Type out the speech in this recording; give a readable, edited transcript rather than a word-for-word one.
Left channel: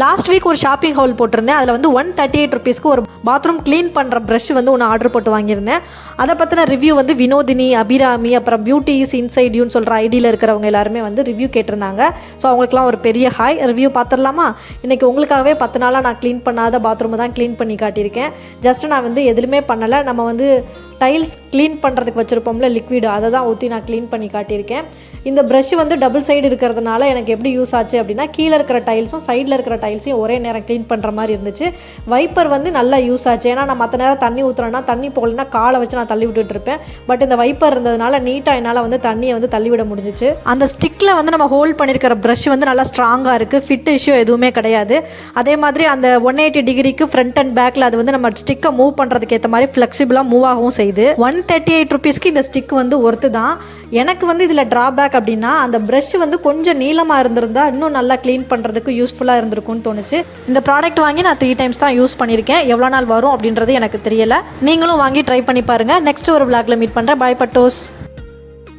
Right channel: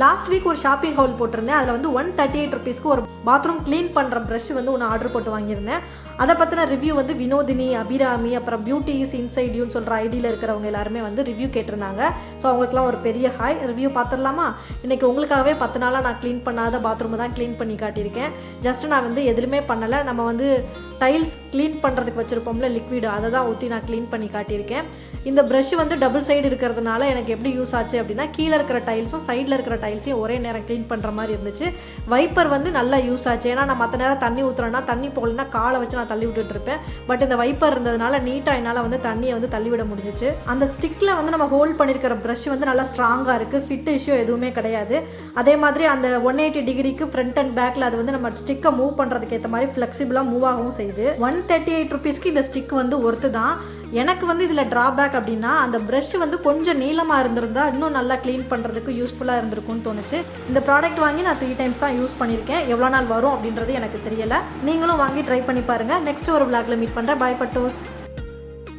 Last week ஒரு shopping hall போட்டிருந்தேன். அதில் வந்து 138 ருபீஸ்க்கு ஒரு பாத்ரூம் க்ளீன் பண்ணுற ப்ரஷ் வந்து ஒன்று ஆர்டர் போட்டு வாங்கியிருந்தேன். அதை பற்றின ரிவ்யூ வந்து வினோதினி, அபிராமி, அப்புறம் பியூட்டி இஸ் இன்சைட் யூன்னு சொல்கிற ஐடியில் இருக்கிறவங்க எல்லாருமே வந்து ரிவ்யூ கேட்டிருந்தாங்க. ஸோ அவங்களுக்குலாம் ஒரு பெரிய ஹாய். ரிவ்யூ பார்த்துடலாமா? இன்றைக்கி உங்களுக்காகவே 10 நாளாக நான் க்ளீன் பண்ணாத பாத்ரூமை தான் க்ளீன் பண்ணி காட்டியிருக்கேன். ஜஸ்ட் நான் வந்து எதுவுமே பண்ணலை. நம்ம வந்து டைல்ஸ் க்ளீன் பண்ணுறதுக்கு வச்சுருப்போம்ல லிக்விடு, அதை தான் ஊற்றி நான் க்ளீன் பண்ணி காட்டியிருக்கேன். இந்த ப்ரஷ் வந்து டபுள் சைடு இருக்கிறதுனால எனக்கு எப்படி யூஸ் ஆச்சு அப்படின்னா, கீழே இருக்கிற டைல்ஸும் சைடில் இருக்கிற டைல்ஸையும் ஒரே நேரம் க்ளீன் பண்ணுற மாதிரி இருந்துச்சு. வைப்பர் வந்து நல்லா யூஸ் ஆச்சு. ஏன்னா நான் மற்ற நேரம் தண்ணி ஊற்றுறேன்னா தண்ணி போகலன்னா காலை வச்சு நான் தள்ளி விட்டுட்டு இருப்பேன். பட் இந்த வைப்பர் இருந்ததுனால நீட்டாக என்னால் வந்து தண்ணியை வந்து தள்ளிவிட முடிஞ்சிச்சு. அந்த ஸ்டிக்கில் வந்து நம்ம ஹோல்ட் பண்ணியிருக்கிற ப்ரஷ் வந்து நல்லா ஸ்ட்ராங்காக இருக்குது. ஃபிட் இஷ்யூ எதுவுமே கிடையாது. அதே மாதிரி அந்த 180 டிகிரிக்கு ஃப்ரண்ட் அண்ட் பேக்கில் அது வந்து நம்ம ஸ்டிக்கை மூவ் பண்ணுறதுக்கு ஏற்ற மாதிரி ஃப்ளெக்சிபிளாக மூவ் ஆகவும் செய்யுது. 138 ருபீஸ்க்கு இந்த ஸ்டிக் வந்து ஒர்த்து தான். எனக்கு வந்து இதில் ட்ராபேக் அப்படின்னா, அந்த ப்ரஷ் வந்து கொஞ்சம் நீளமாக இருந்திருந்தா இன்னும் நல்லா க்ளீன் பண்ணுறதுக்கு யூஸ்ஃபுல்லாக இருந்திருக்கும்னு தோணுச்சு. இந்த ப்ராடக்ட் வாங்கி நான் 3 டைம்ஸ் தான் யூஸ் பண்ணியிருக்கேன். எவ்வளோ நாள் வரும் அப்படின்றது எனக்கு தெரியலை. நீங்களும் வாங்கி ட்ரை பண்ணி பாருங்கள். நெக்ஸ்ட் ஒரு vlogல மீட் பண்ணுறேன். பாய் பட்டோஸ்.